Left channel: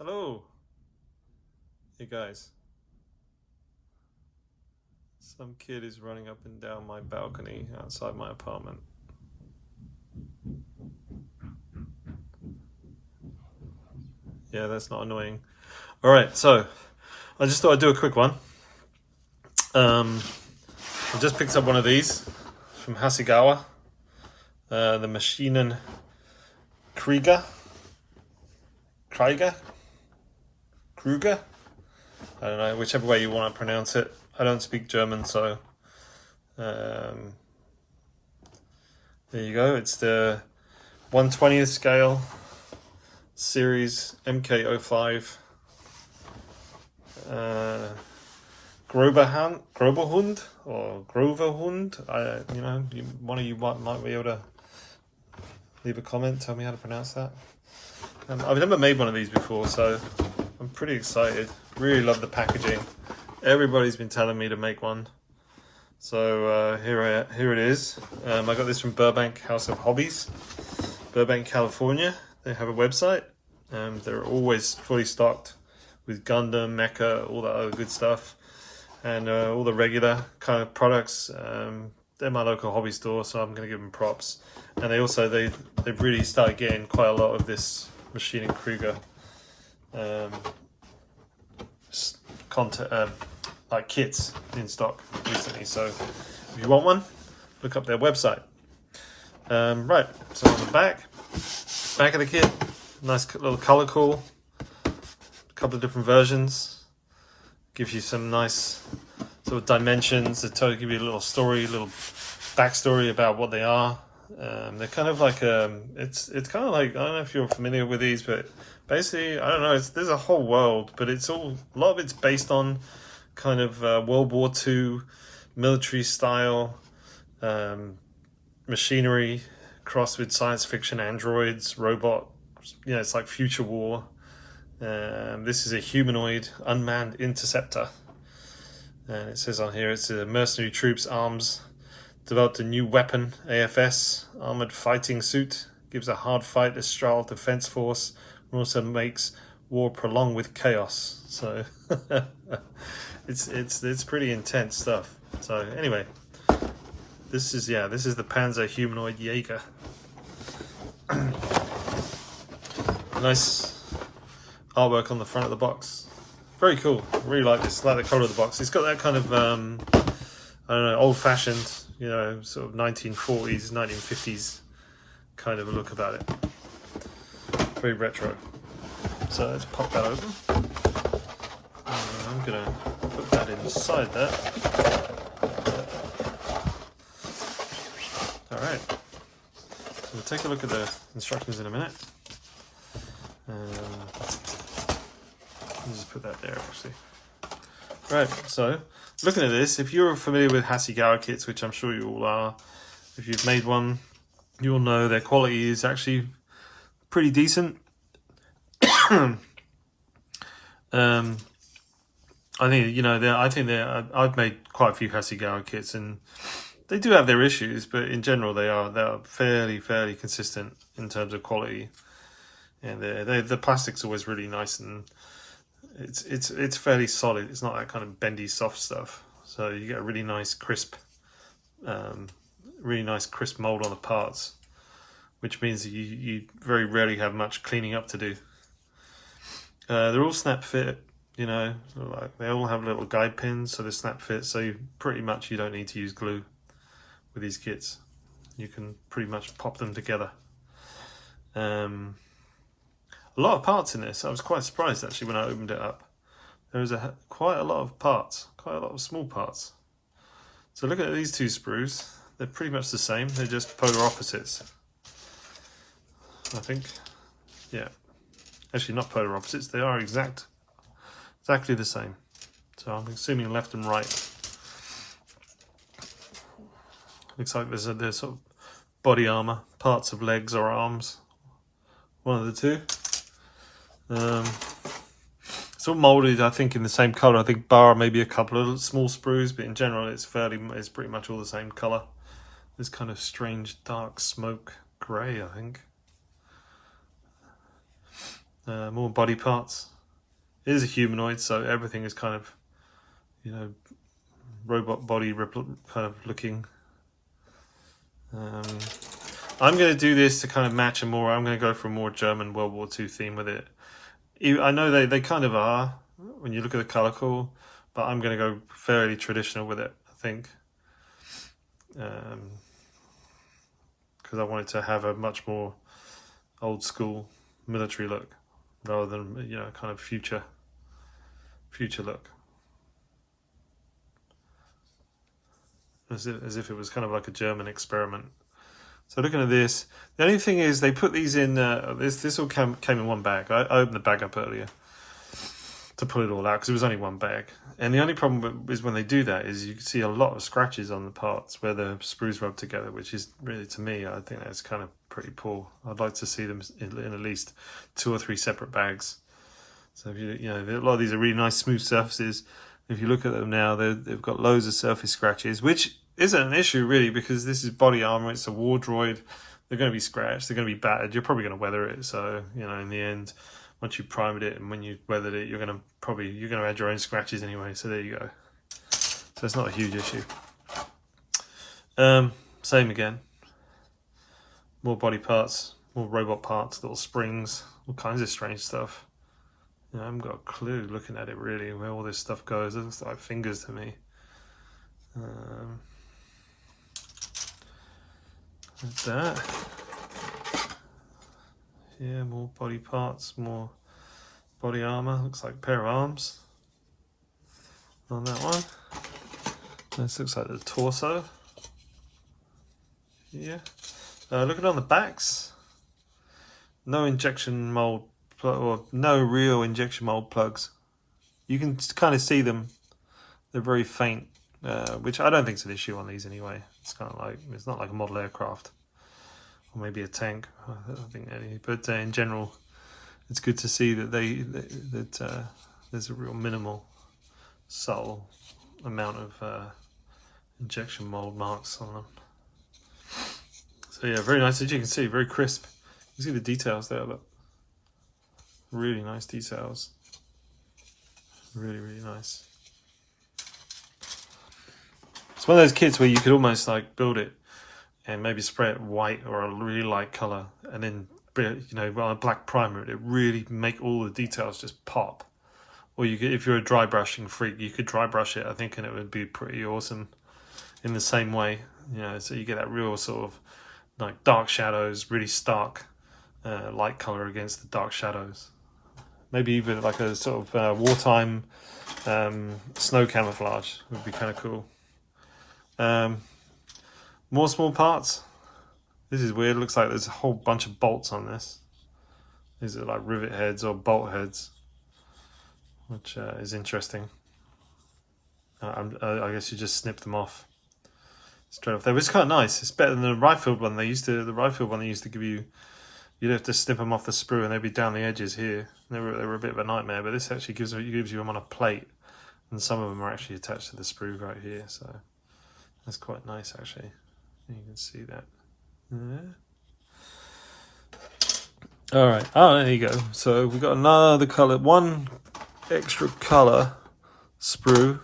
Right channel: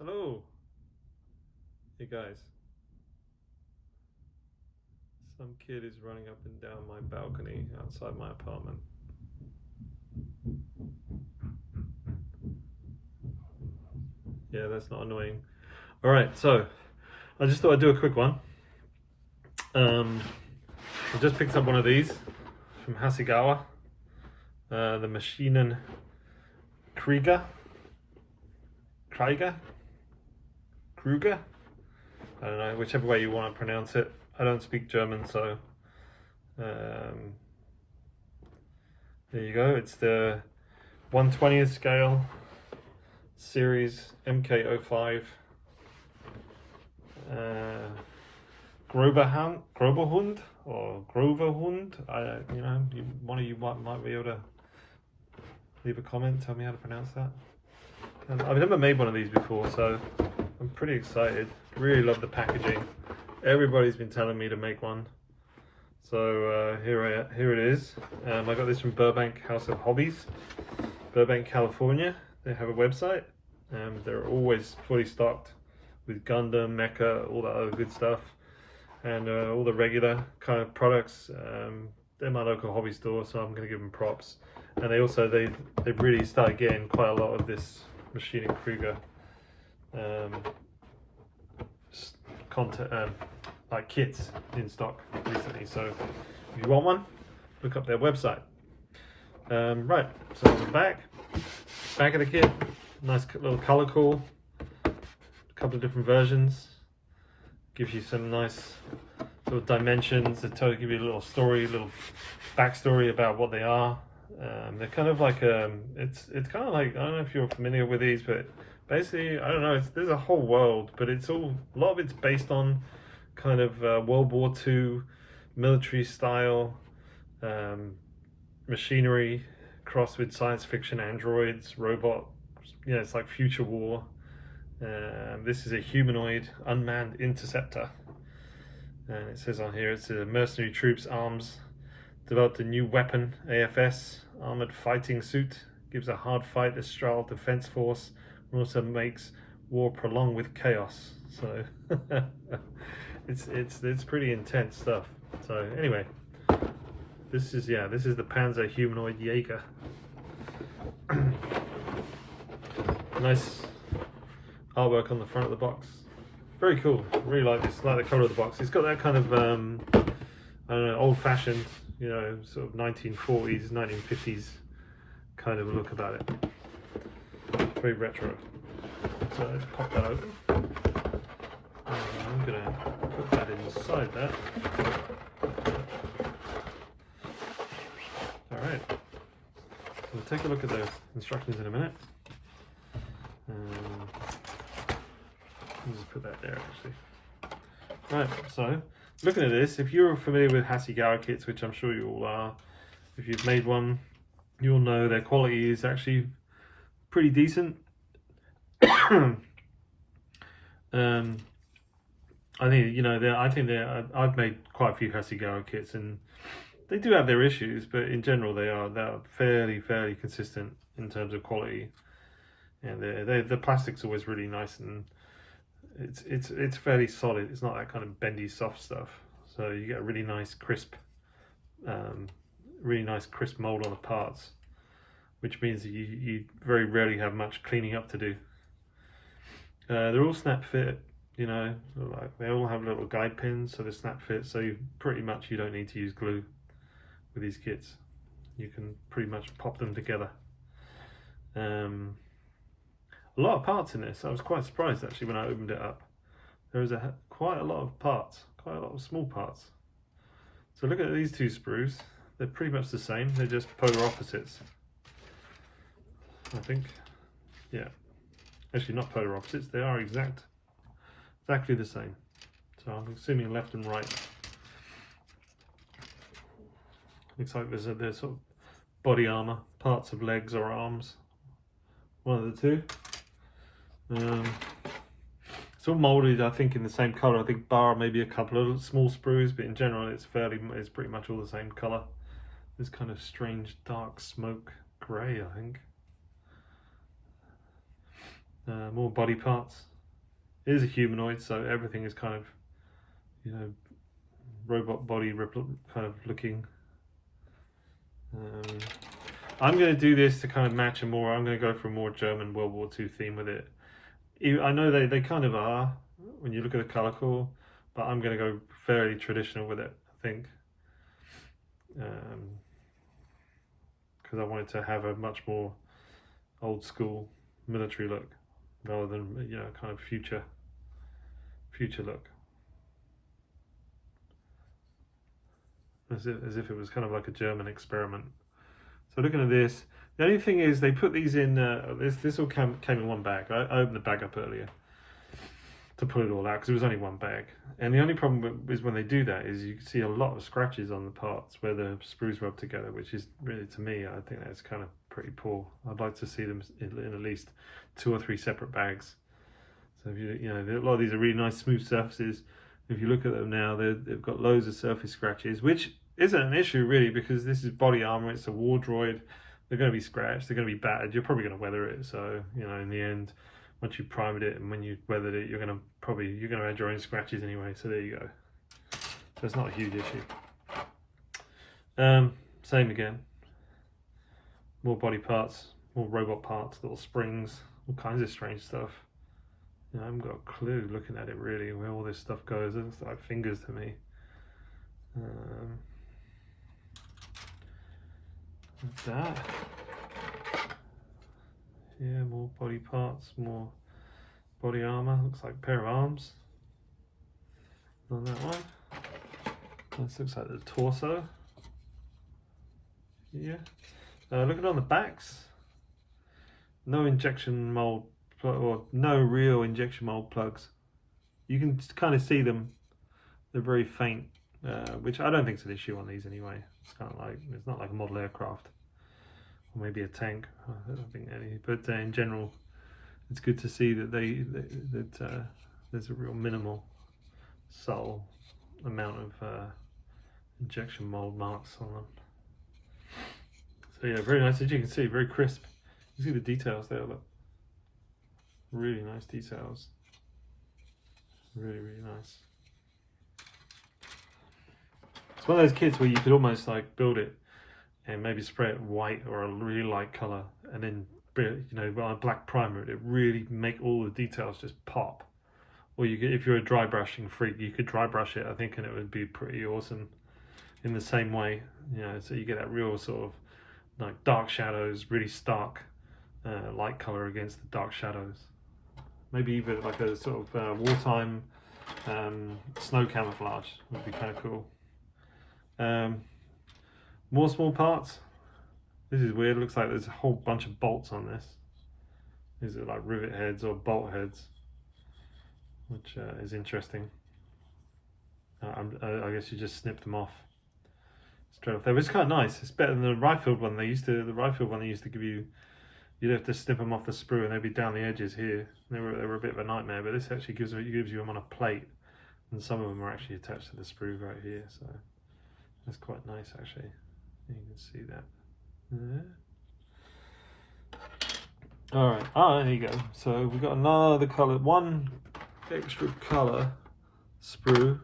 Hello. Hey guys. Some kid is running up and down my balcony outside my apartment. Yeah, that's not annoying. Alright, so I just thought I'd do a quick one. I just picked up one of these from Hasegawa. The Maschinen Krieger. Krieger? Krieger? I don't know, whichever way you want to pronounce it. I don't speak German, so there you go. It's the 1/20th scale series MK05 Grober Hund or Grover Hund. One of you might be able to leave a comment, tell me how to pronounce that. And I've never made one of these before, so I'm pretty excited. Really love the packaging. Everybody's been telling me to make one, so here it is. I got this from Burbank House of Hobbies, Burbank, California. They have a website. They're always fully stocked with Gundam, Mecha, all that other good stuff, and all the regular kind of products. They're my local hobby store, so I'm going to give them props. And they've really started getting quite a lot of this Maschinen Krieger content, like kits in stock recently. So if you want one, look up their website. Right, so on the back of the kit, nice little color call, a couple of different versions, gives you some nice sort of dimensions that give you a little story, a little backstory about what they are. They're kind of like it's kind of like, I don't know if you're familiar with these, but basically, I don't know, there's a whole world, but a lot of it's based on kind of World War II military style machinery crossed with science fiction androids, robot. It's like future war. This is a humanoid unmanned interceptor, and it says on here it's a mercenary troops arms developed a new weapon, AFS, armored fighting suit, gives a hard fight Astral defense force, and also makes war prolonged with chaos. So it's pretty intense stuff. So anyway, this is the Panzer humanoid Jaeger. Nice artwork on the front of the box. Very cool. Really like this. Like the color of the box. It's got that kind of I don't know, old-fashioned, sort of 1940s, 1950s kind of a look about it. Very retro. So let's pop that open. I'm gonna put that inside that. All right. So we'll take a look at the instructions in a minute. I'll just put that there actually. Right, so looking at this, if you're familiar with Hasegawa kits, which I'm sure you all are, if you've made one, you'll know their quality is actually pretty decent. I think I've made quite a few Hasegawa kits, and they do have their issues, but in general they are fairly consistent in terms of quality. And the plastic's always really nice, and it's fairly solid. It's not that kind of bendy soft stuff. So you get a really nice crisp mold on the parts, which means that you very rarely have much cleaning up to do. They're all snap fit, like they all have little guide pins, so they're snap fit. So you don't need to use glue with these kits. You can pretty much pop them together. A lot of parts in this. I was quite surprised actually when I opened it up. There was quite a lot of parts, quite a lot of small parts. So look at these two sprues. They're pretty much the same. They're just polar opposites, I think. Yeah, actually not polar opposites. They are exactly the same. So I'm assuming left and right. Looks like there's sort of body armor, parts of legs or arms. One of the two. It's all molded, I think, in the same color. I think bar maybe a couple of small sprues, but in general it's pretty much all the same color. This kind of strange dark smoke gray, I think. More body parts. It is a humanoid, so everything is kind of, you know, robot body kind of looking. I'm going to do this to kind of match a more. I'm going to go for a more German World War II theme with it. I know they kind of are when you look at the colour call, but I'm going to go fairly traditional with it, I think. Because I wanted to have a much more old school military look rather than, you know, kind of future look. As if it was kind of like a German experiment. So looking at this, the only thing is they put these in, this all came in one bag. I opened the bag up earlier to pull it all out because it was only one bag. And the only problem is when they do that is you can see a lot of scratches on the parts where the screws rub together, which is really, to me, I think that's kind of pretty poor. I'd like to see them in at least 2 or 3 separate bags. So if you know, a lot of these are really nice smooth surfaces. If you look at them now, they've got loads of surface scratches, which isn't an issue really because this is body armor. It's a war droid. They're going to be scratched. They're going to be battered. You're probably going to weather it. So, you know, in the end, once you primed it and when you weathered it, you're going to add your own scratches anyway. So there you go. So it's not a huge issue. Same again. More body parts, more robot parts, little springs, all kinds of strange stuff. You know, I haven't got a clue looking at it really where all this stuff goes. It looks like fingers to me. Like that. Yeah, more body parts, more body armor. Looks like a pair of arms on that one. This looks like the torso. Yeah. Looking on the backs, no injection mold or no real injection mold plugs. You can kind of see them. They're very faint, which I don't think is an issue on these anyway. It's kind of like, it's not like a model aircraft or maybe a tank. I don't think any, but in general, it's good to see that there's a real minimal, subtle amount of injection mold marks on them. So yeah, very nice. As you can see, very crisp. You see the details there, look. Really nice details. Really, really nice. It's one of those kits where you could almost like build it and maybe spray it white or a really light color and then, you know, on a black primer, it really make all the details just pop. Or you could, if you're a dry brushing freak, you could dry brush it, I think, and it would be pretty awesome in the same way. You know, so you get that real sort of like dark shadows, really stark light color against the dark shadows. Maybe even like a sort of wartime snow camouflage would be kind of cool. More small parts. This is weird. It looks like there's a whole bunch of bolts on this. These are like rivet heads or bolt heads, which is interesting. I guess you just snip them off straight off there, which is kind of nice. It's better than the rifled one. The rifled one they used to give you, you'd have to snip them off the sprue and they'd be down the edges here. They were a bit of a nightmare, but this actually gives you them on a plate, and some of them are actually attached to the sprue right here, so that's quite nice actually. You can see that. Yeah. All right. Oh, there you go. So we've got another color, one extra color sprue,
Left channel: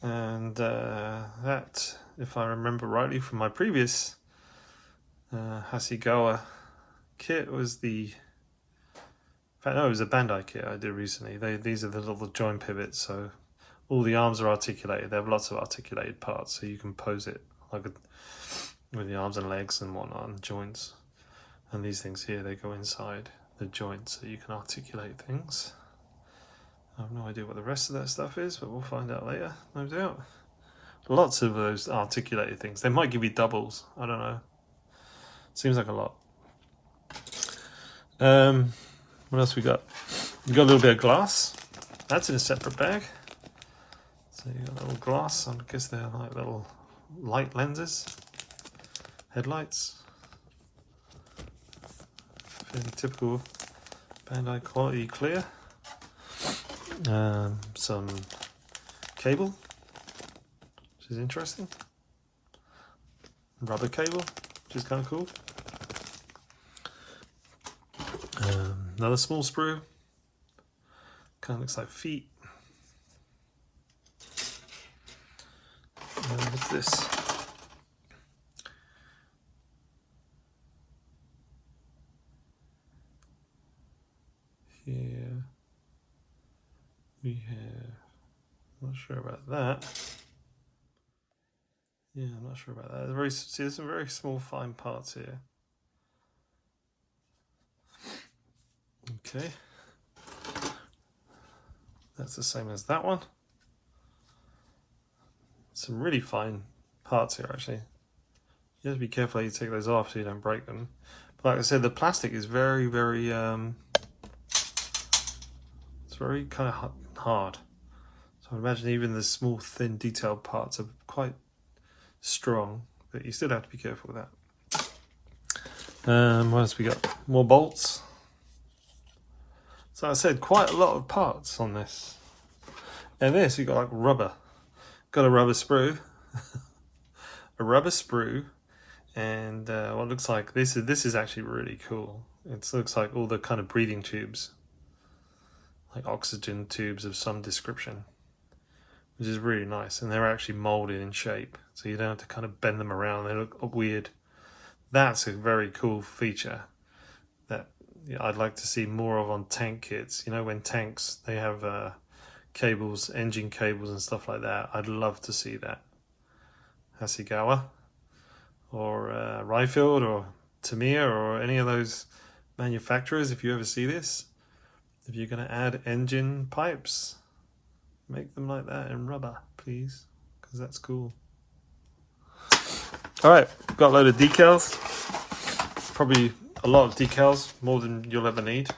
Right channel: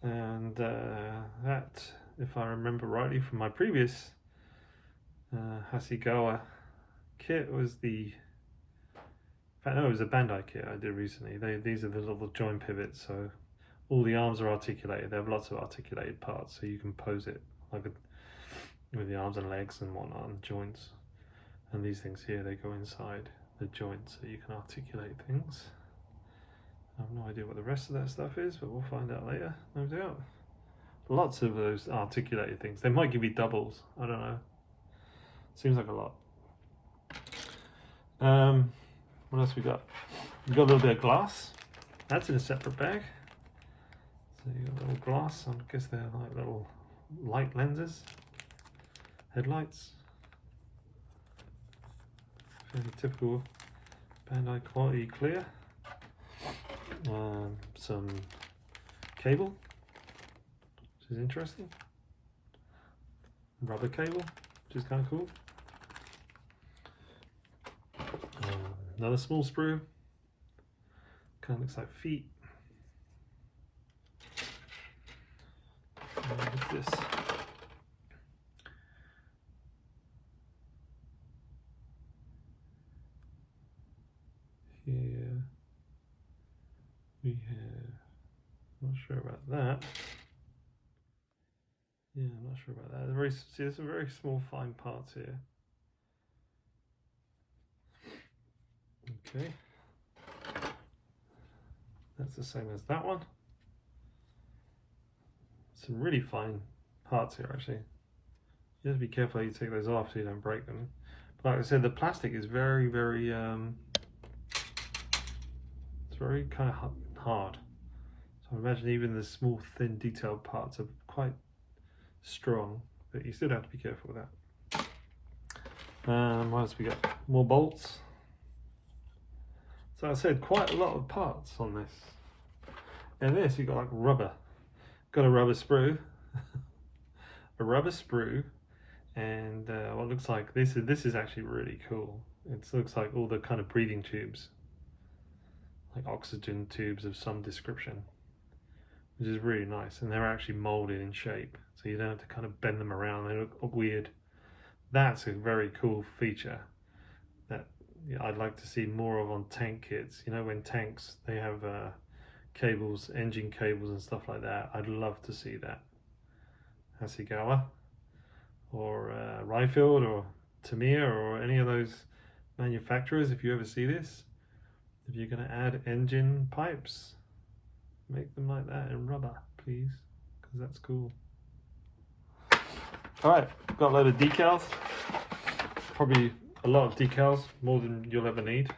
and that, if I remember rightly from my previous Hasegawa kit, was the, in fact no, it was a Bandai kit I did recently. These are the little joint pivots, so all the arms are articulated. They have lots of articulated parts, so you can pose it like with the arms and legs and whatnot and joints. And these things here, they go inside the joints so you can articulate things. I have no idea what the rest of that stuff is, but we'll find out later, no doubt. Lots of those articulated things. They might give you doubles, I don't know. Seems like a lot. What else we got? We got a little bit of glass. That's in a separate bag. So you got a little glass. I guess they're like little light lenses, headlights. Fairly typical Bandai quality clear. Some cable, which is interesting. Rubber cable, which is kind of cool. Another small sprue. Kind of looks like feet. What's this? Here we have, not sure about that. Yeah, I'm not sure about that. There's some very small fine parts here. Okay. That's the same as that one. Some really fine parts here, actually. You have to be careful how you take those off so you don't break them. But like I said, the plastic is very, very, it's very kind of hard. So I imagine even the small, thin, detailed parts are quite strong, but you still have to be careful with that. What else we got? More bolts. So I said quite a lot of parts on this. And this, you got like rubber. Got a rubber sprue. A rubber sprue. And what looks like, this is actually really cool. It looks like all the kind of breathing tubes. Like oxygen tubes of some description. Which is really nice. And they're actually molded in shape. So you don't have to kind of bend them around. They look weird. That's a very cool feature that I'd like to see more of on tank kits. You know, when tanks, they have cables, engine cables and stuff like that. I'd love to see that. Hasegawa or Ryfield or Tamiya or any of those manufacturers, if you ever see this, if you're going to add engine pipes, make them like that in rubber, please, because that's cool. All right, got a load of decals. Probably a lot of decals, more than you'll ever need.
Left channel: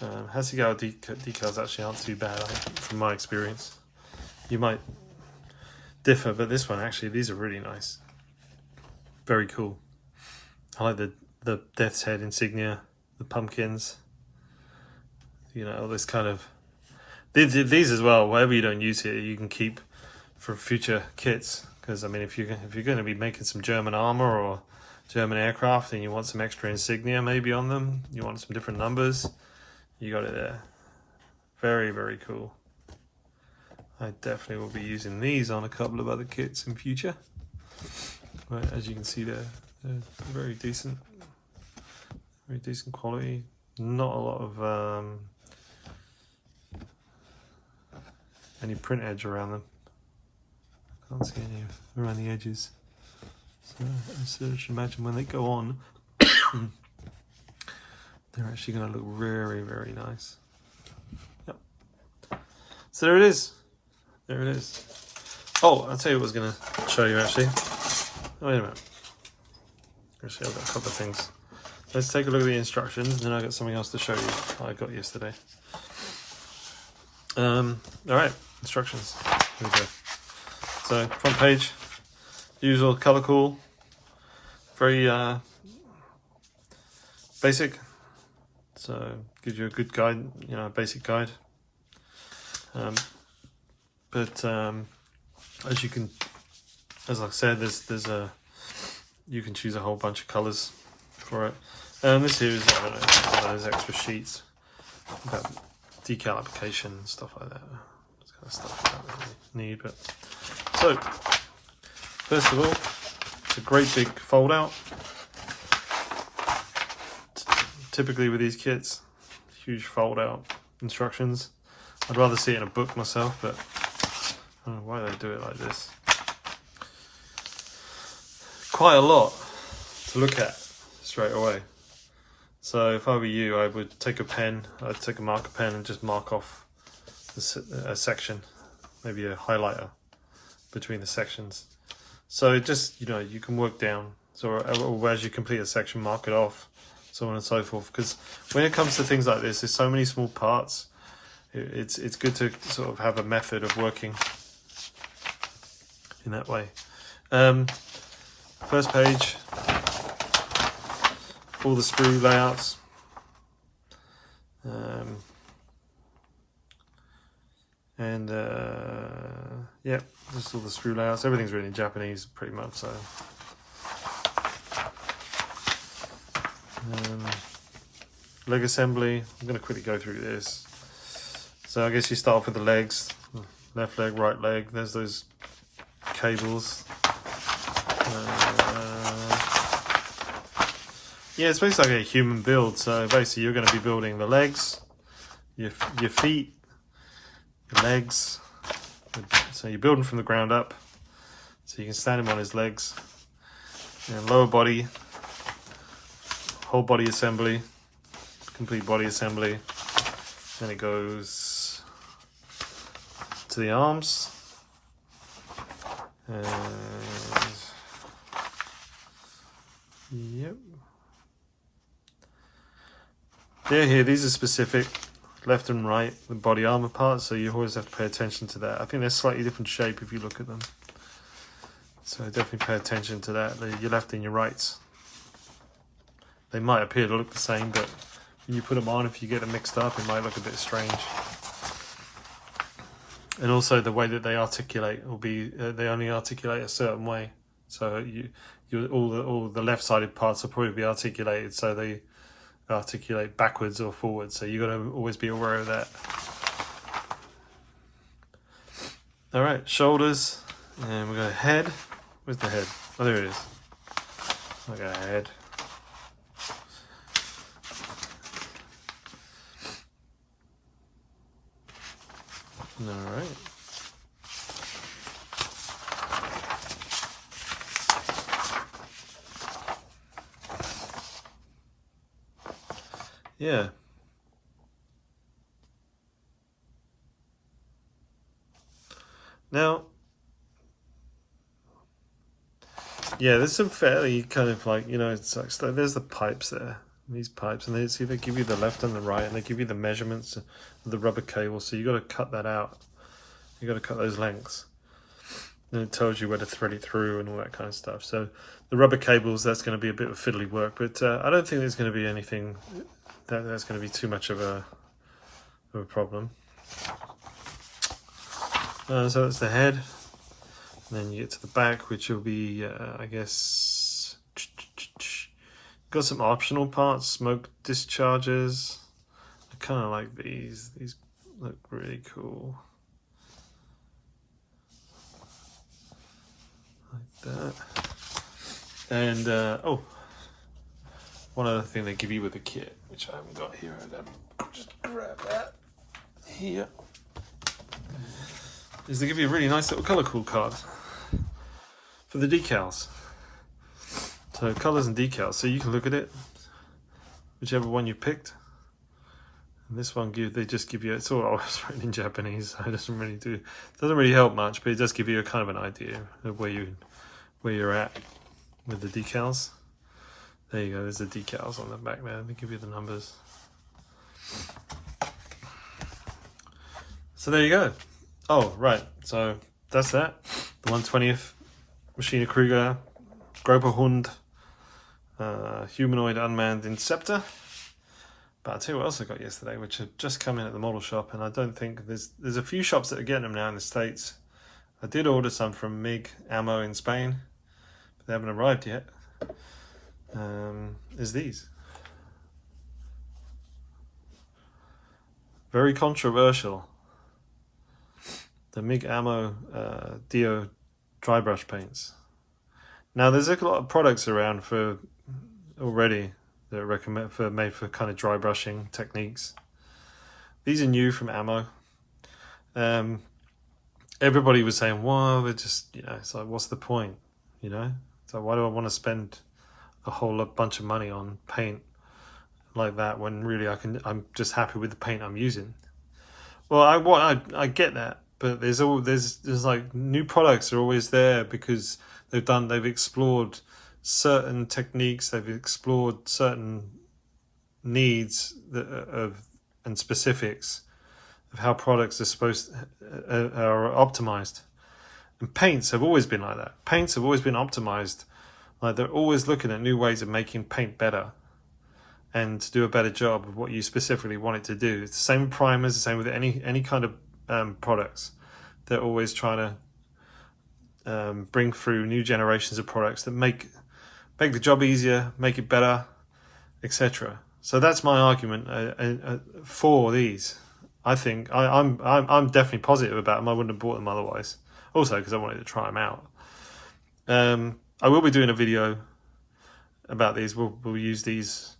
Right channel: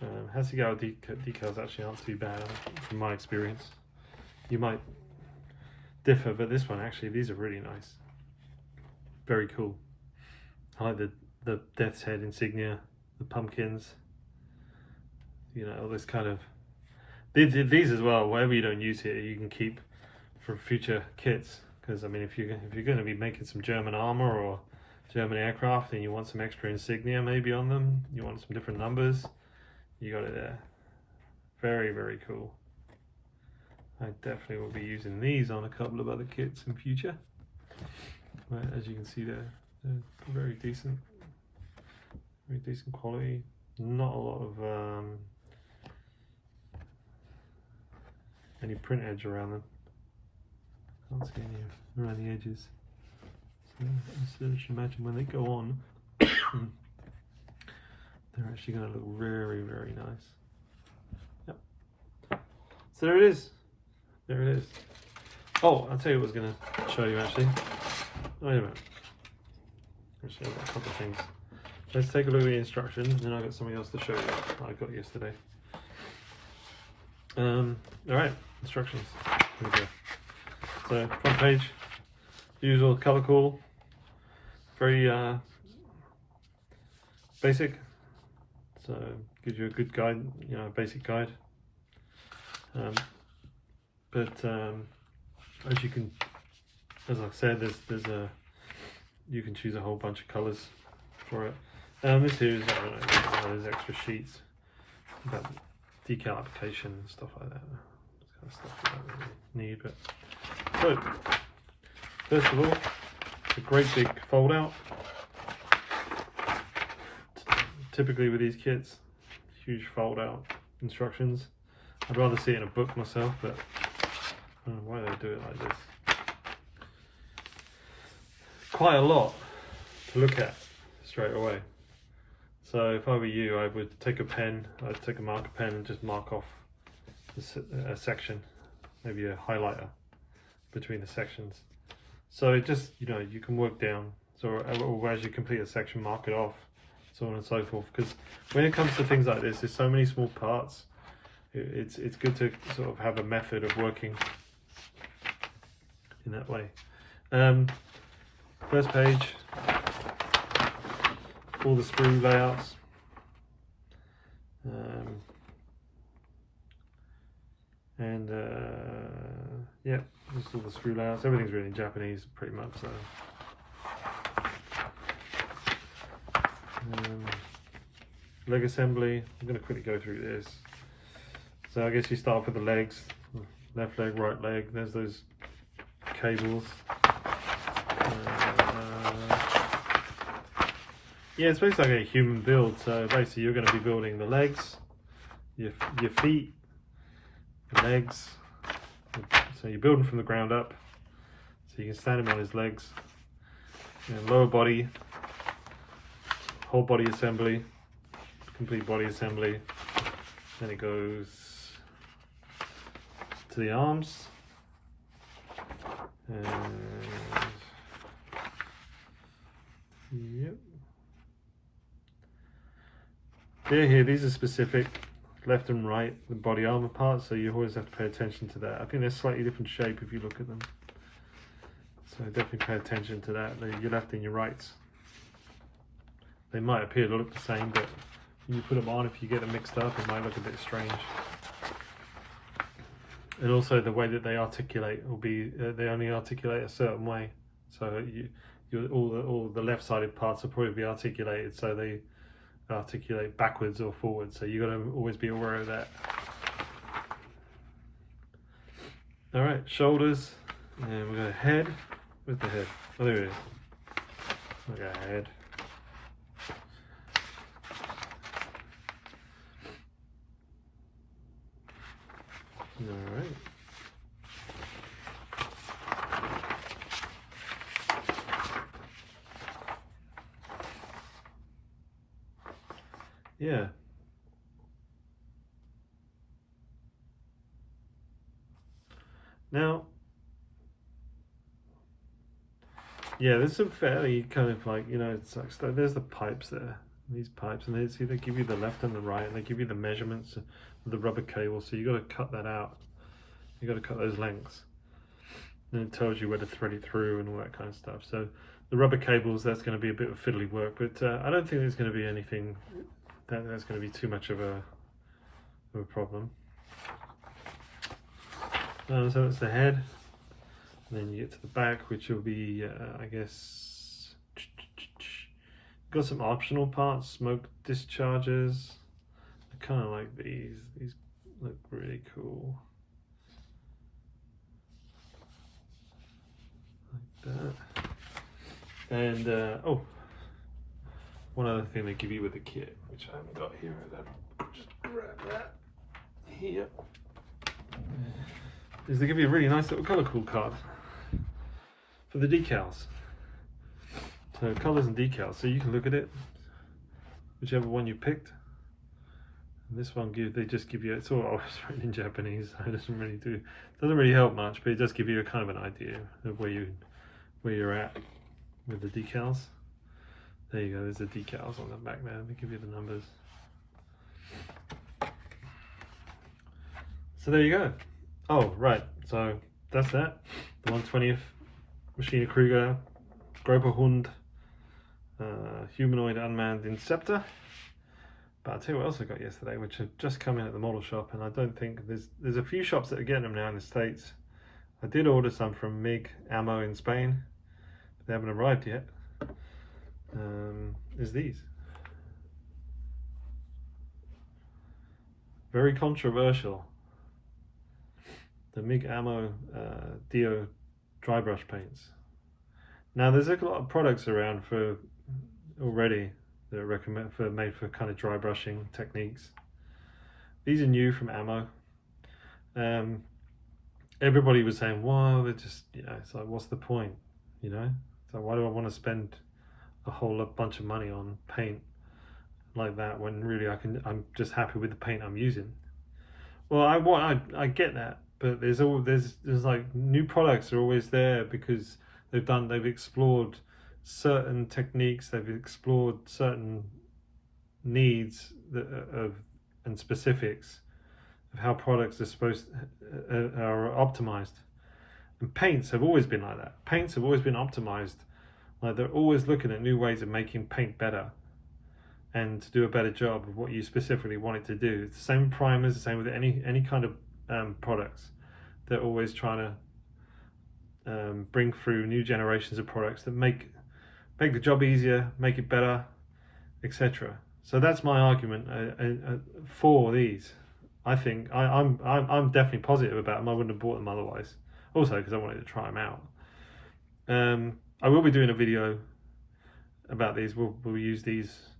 Hasegawa decals actually aren't too bad, from my experience. You might differ, but this one actually, these are really nice. Very cool. I like the Death's Head insignia, the pumpkins. You know, all this kind of these as well. Whatever you don't use here, you can keep for future kits. Because I mean, if you're going to be making some German armor or German aircraft, and you want some extra insignia maybe on them, you want some different numbers, you got it there. Very, very cool. I definitely will be using these on a couple of other kits in future. But as you can see, they're very decent quality. Not a lot of any print edge around them. Can't see any around the edges. So I should imagine when they go on, they're actually going to look very, very nice. Yep. So there it is. There it is. Oh, I'll tell you what I was going to show you actually. Wait a minute. Actually, I've got a couple of things. Let's take a look at the instructions, and then I've got something else to show you I got yesterday. Alright, instructions. Here we go. So, front page, usual color cool, very basic, so gives you a good guide, you know, a basic guide. But as you can, as I said, you can choose a whole bunch of colors for it. This here is, I don't know, one of those extra sheets about decal application and stuff like that. This kind of stuff I don't really need, but so first of all, it's a great big fold out. Typically with these kits, huge fold out instructions. I'd rather see it in a book myself, but I don't know why they do it like this. Quite a lot to look at straight away. So if I were you, I would take a pen, I'd take a marker pen and just mark off a section, maybe a highlighter between the sections. So just, you know, you can work down. So or as you complete a section, mark it off, so on and so forth. Because when it comes to things like this, there's so many small parts. It's good to sort of have a method of working in that way. First page, all the sprue layouts. Yeah, just all the sprue layouts. Everything's written in Japanese pretty much, so. leg assembly. I'm going to quickly go through this. So I guess you start off with the legs, left leg, right leg. There's those cables. Yeah, it's basically like a human build. So basically you're going to be building the legs, your feet, your legs. So you're building from the ground up. So you can stand him on his legs. And lower body, whole body assembly, complete body assembly. Then it goes to the arms. And yep. Here, these are specific left and right, the body armor parts, so you always have to pay attention to that. I think they're slightly different shape if you look at them. So definitely pay attention to that, your left and your rights. They might appear to look the same, but when you put them on, if you get them mixed up, it might look a bit strange. And also the way that they articulate will be, they only articulate a certain way. So all the left-sided parts will probably be articulated, so they articulate backwards or forwards. So you got to always be aware of that. All right, shoulders, and we got head. Where's the head? Oh, there it is. We got head. All right. Yeah. Now, yeah, there's some fairly kind of like, you know, it's like, there's the pipes there, these pipes, and they see they give you the left and the right, and they give you the measurements of the rubber cable, so you got to cut that out. You got to cut those lengths. And it tells you where to thread it through and all that kind of stuff. So the rubber cables, that's going to be a bit of fiddly work, but I don't think there's going to be anything that's going to be too much of a problem. So that's the head. And then you get to the back, which will be, I guess, got some optional parts, smoke discharges. I kind of like these. These look really cool. Like that. And, oh, one other thing they give you with the kit, which I haven't got here. I'll just grab that here. Is they give you a really nice little colour code card for the decals. So colours and decals, so you can look at it, whichever one you picked. And this one they just give you, it's all always written in Japanese, so it doesn't really help much, but it does give you a kind of an idea of where you're at with the decals. There you go, there's the decals on the back there, they give you the numbers. So there you go. Oh, right, so that's that. The 120th Maschinen Krieger, Hund, humanoid unmanned Inceptor. But I'll tell you what else I got yesterday, which had just come in at the model shop, and I don't think there's a few shops that are getting them now in the States. I did order some from MiG Ammo in Spain, but they haven't arrived yet. Is these. Very controversial. The MiG Ammo Dio dry brush paints. Now there's a lot of products around for already that are made for kind of dry brushing techniques. These are new from Ammo. Everybody was saying, well, we're just, you know, it's like, what's the point? You know, so why do I want to spend a whole bunch of money on paint like that when really I'm just happy with the paint I'm using? Well, I get that, but there's like new products are always there because they've explored certain techniques, they've explored certain needs and specifics of how products are optimized. And paints have always been like that. Paints have always been optimized. Like they're always looking at new ways of making paint better and to do a better job of what you specifically want it to do. It's the same with primers, the same with any kind of products. They're always trying to bring through new generations of products that make the job easier, make it better, etc. So that's my argument for these. I think I'm definitely positive about them. I wouldn't have bought them otherwise. Also because I wanted to try them out. I will be doing a video about these. We'll use these,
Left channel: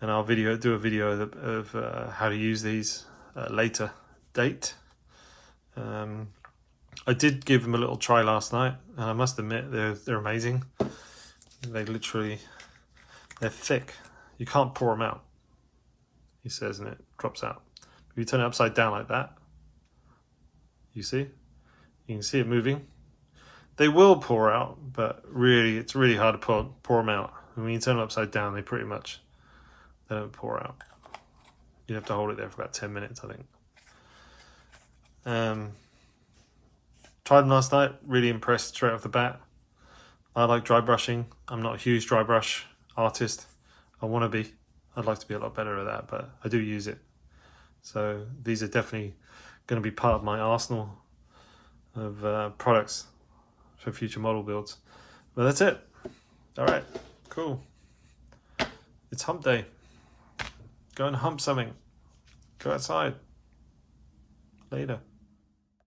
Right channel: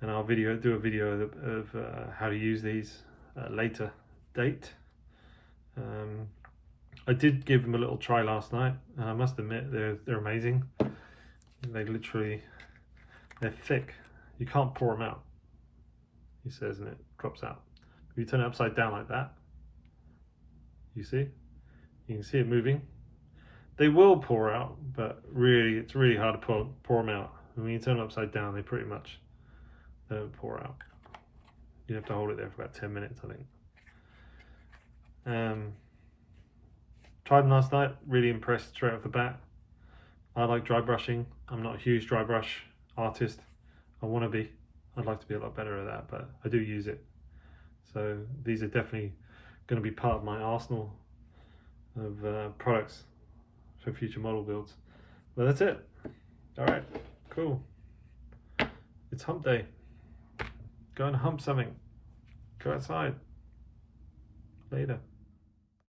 and I'll do a video of how to use these at a later date. I did give them a little try last night, and I must admit they're amazing. They're thick. You can't pour them out, he says, and it drops out. If you turn it upside down like that, you can see it moving. They will pour out, but really, it's really hard to pour them out. And when you turn them upside down, they don't pour out. You have to hold it there for about 10 minutes, I think. Tried them last night, really impressed straight off the bat. I like dry brushing. I'm not a huge dry brush artist. I want to be. I'd like to be a lot better at that, but I do use it. So these are definitely going to be part of my arsenal of products for future model builds. But that's it. All right, cool. It's hump day. Go and hump something. Go outside. Later.